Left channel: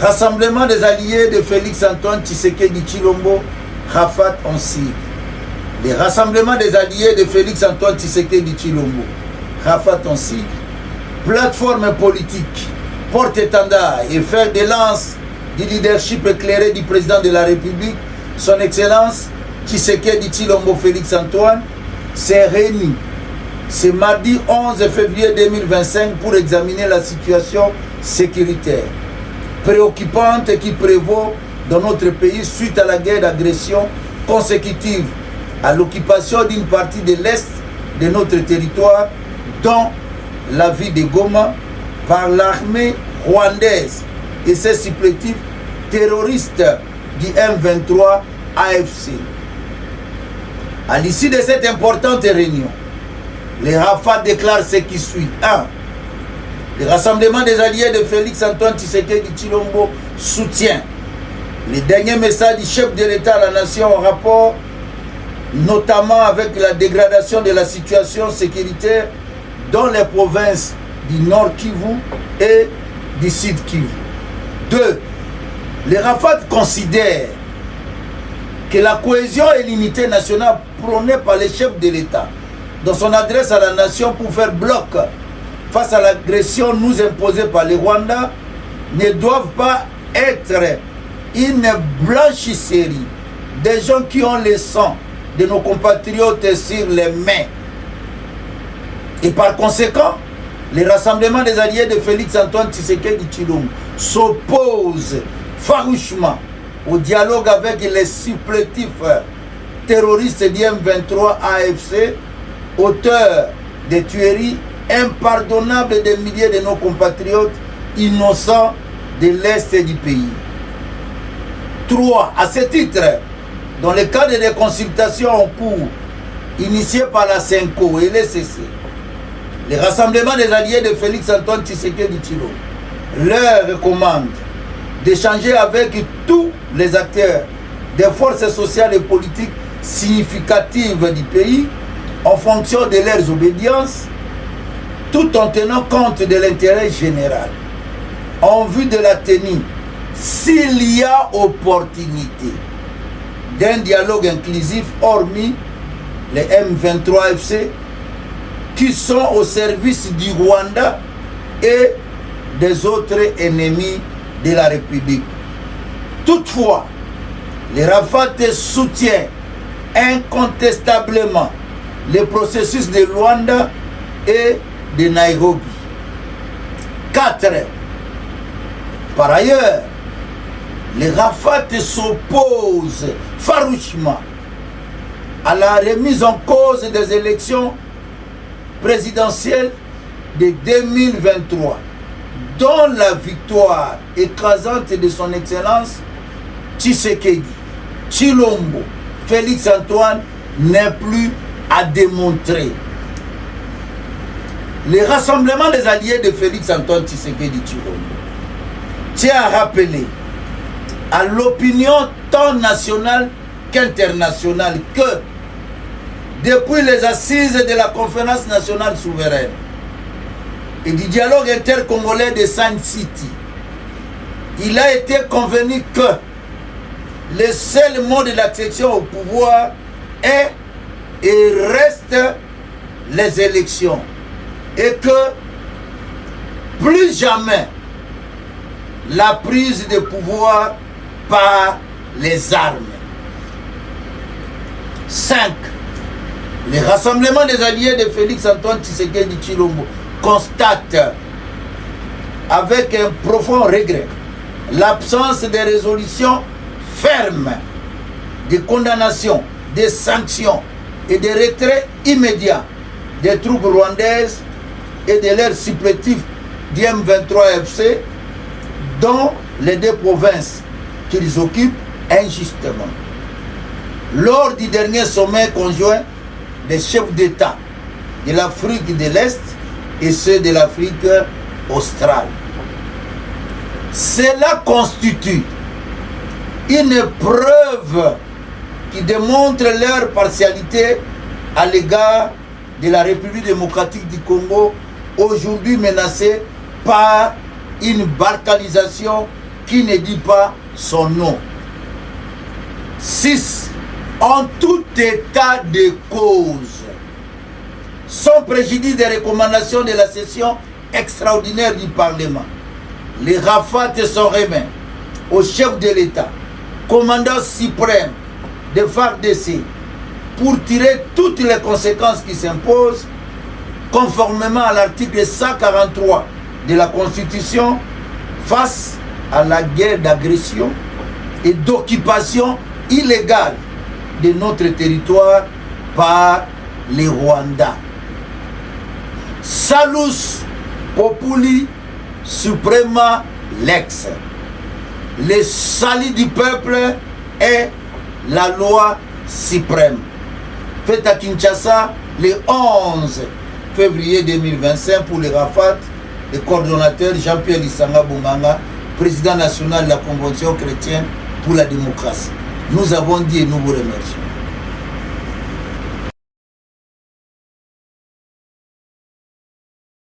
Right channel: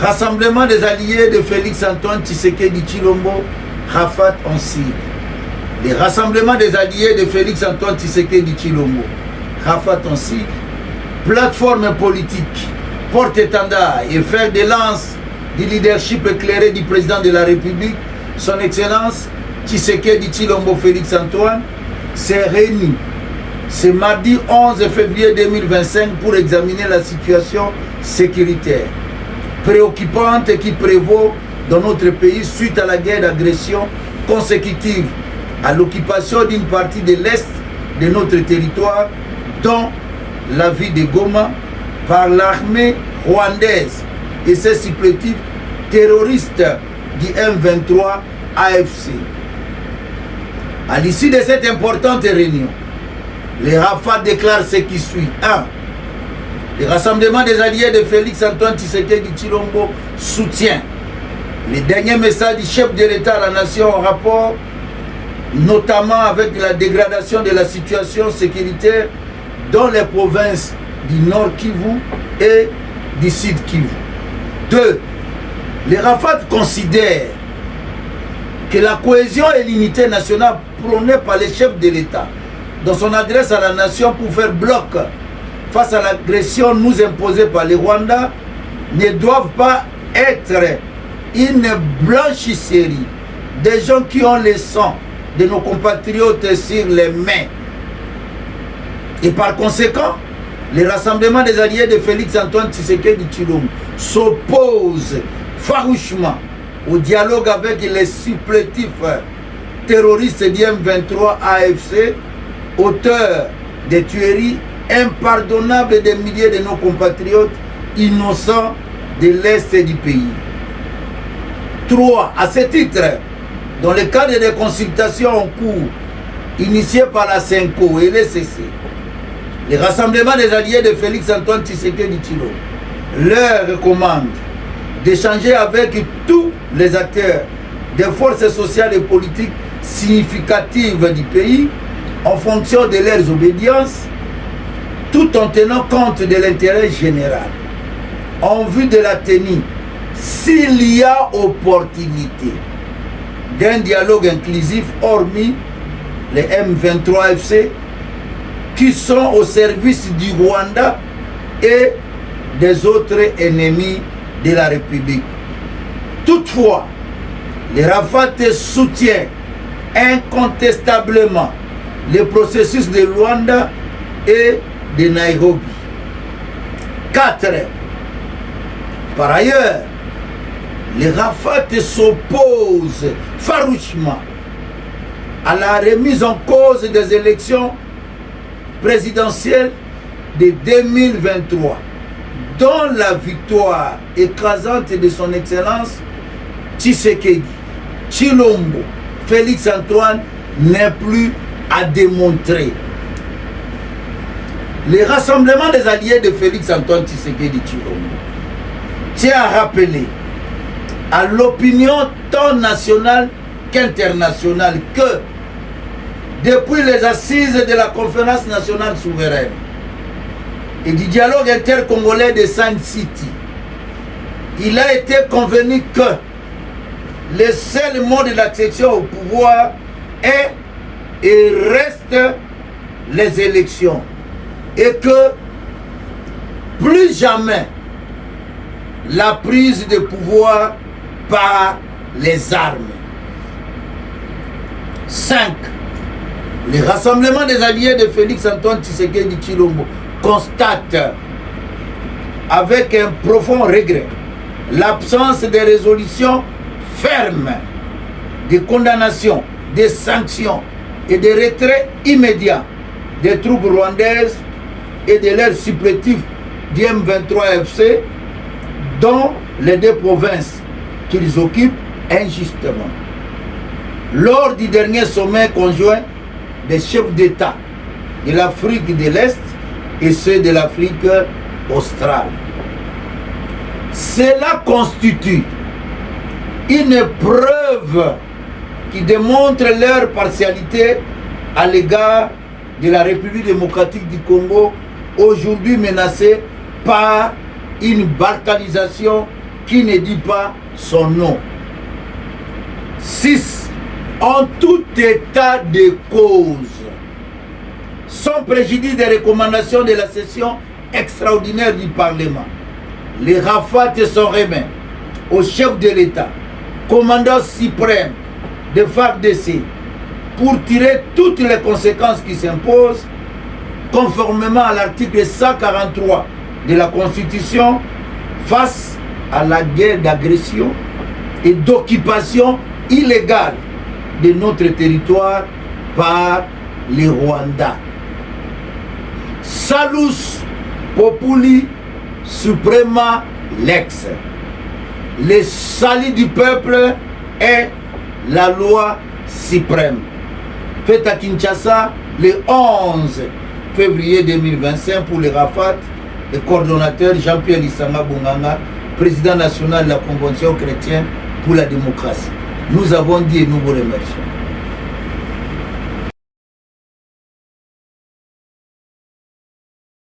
Rassemblement des alliés de Félix-Antoine Tshisekedi Tshilombo, Rafat en Syrie. Les rassemblements des alliés de Félix-Antoine Tshisekedi Tshilombo, Rafat en Syrie, plateforme politique, porte-étendard et fer de lance du leadership éclairé du président de la République, son Excellence Tshisekedi Tshilombo Félix-Antoine, s'est réuni ce mardi 11 février 2025 pour examiner la situation sécuritaire préoccupante qui prévaut dans notre pays suite à la guerre d'agression consécutive à l'occupation d'une partie de l'Est de notre territoire, dont la ville de Goma, par l'armée rwandaise et ses supplétifs terroristes du M23 AFC. À l'issue de cette importante réunion, les Rafat déclarent ce qui suit. 1. Le rassemblement des alliés de Félix-Antoine Tshisekedi Tshilombo soutient les derniers messages du chef de l'État à la nation en rapport notamment avec la dégradation de la situation sécuritaire dans les provinces du Nord Kivu et du Sud Kivu. 2. Les Rafat considèrent que la cohésion et l'unité nationale prônée par les chefs de l'État dans son adresse à la nation pour faire bloc face à l'agression nous imposée par les Rwandais ne doivent pas être une blanchisserie des gens qui ont le sang de nos compatriotes sur les mains. Et par conséquent, les rassemblements des alliés de Félix-Antoine Tshisekedi Tshilombo s'opposent farouchement au dialogue avec les supplétifs terroristes du M23 AFC, auteurs des tueries impardonnables des milliers de nos compatriotes innocents de l'Est du pays. 3. À ce titre, dans le cadre des consultations en cours initiées par la CENCO et l'ECC, les rassemblements des alliés de Félix-Antoine Tshisekedi Tshilombo leur recommandent d'échanger avec tous les acteurs des forces sociales et politiques significatives du pays en fonction de leurs obédiences, tout en tenant compte de l'intérêt général, en vue de la tenue, s'il y a opportunité, d'un dialogue inclusif hormis les M23 FC qui sont au service du Rwanda et des autres ennemis de la République. Toutefois, les Rafat soutiennent incontestablement le processus de Luanda et de Nairobi. 4. Par ailleurs, les Rafat s'opposent farouchement à la remise en cause des élections présidentielles de 2023, dont la victoire écrasante de son Excellence Tshisekedi Tshilombo Félix-Antoine n'est plus à démontrer. Le rassemblement des alliés de Félix-Antoine Tshisekedi Tshilombo tient à rappeler à l'opinion tant nationale qu'internationale que depuis les assises de la conférence nationale souveraine et du dialogue intercongolais de Sun City, il a été convenu que le seul mode d'accession au pouvoir est et reste les élections, et que plus jamais la prise de pouvoir par les armes. 5. Le rassemblement des alliés de Félix-Antoine Tshisekedi Tshilombo constate avec un profond regret l'absence de résolutions fermes, de condamnations, de sanctions et de retrait immédiat des troupes rwandaises et de leurs supplétifs du M23 FC dans les deux provinces qu'ils occupent injustement. Lors du dernier sommet conjoint des chefs d'État de l'Afrique de l'Est et ceux de l'Afrique australe. Cela constitue une preuve qui démontre leur partialité à l'égard de la République démocratique du Congo, aujourd'hui menacée par une balkanisation qui ne dit pas son nom. 6. En tout état de cause, sans préjudice des recommandations de la session extraordinaire du Parlement, les rafats sont remis au chef de l'État, commandant suprême de FARDC, pour tirer toutes les conséquences qui s'imposent conformément à l'article 143 de la Constitution face à la guerre d'agression et d'occupation illégale de notre territoire par les Rwandais. Salus Populi Suprema Lex. Le salut du peuple est la loi suprême. Fait à Kinshasa le 11 février 2025 pour les Rafat, le coordonnateur Jean-Pierre Lissanga Bonganga, président national de la Convention chrétienne pour la démocratie. Nous avons dit et nous vous remercions.